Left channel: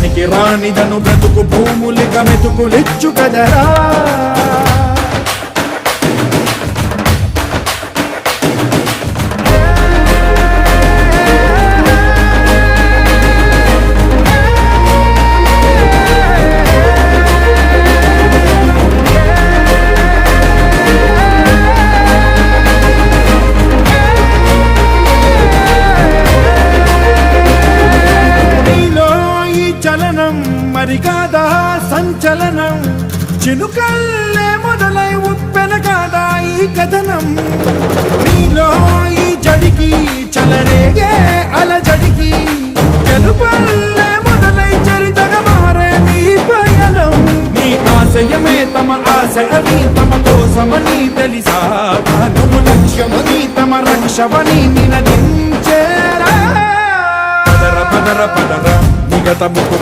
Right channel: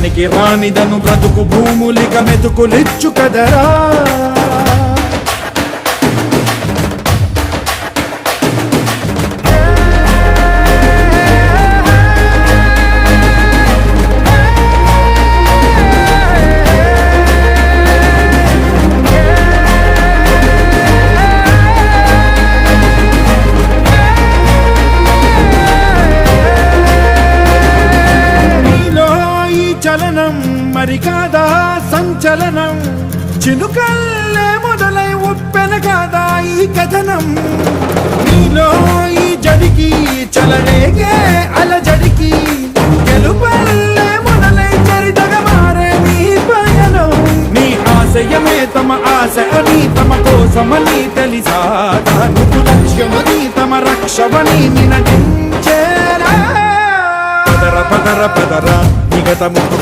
పనికి రానిదను బ్రతుకు భూములిక మెతుకులిచ్చు కదరా. చలనం మరి కాదా సంచలనం, చినుకల్లే మొదలై ఉప్పెన కాదా ఈ కథనం. నీలో ఈ జడికి చలనేగే అలజడికి, గెలుపల్లే మొదలై చరితగా మారే నీ పయనం. నీ ఆశయమే తమ ఆశ అని తమ కోసమని తెలిసా, నువ్వు లక్ష్యమని తమ రక్షమని నినదించేరా. పదర పదర పదర నిగతముకు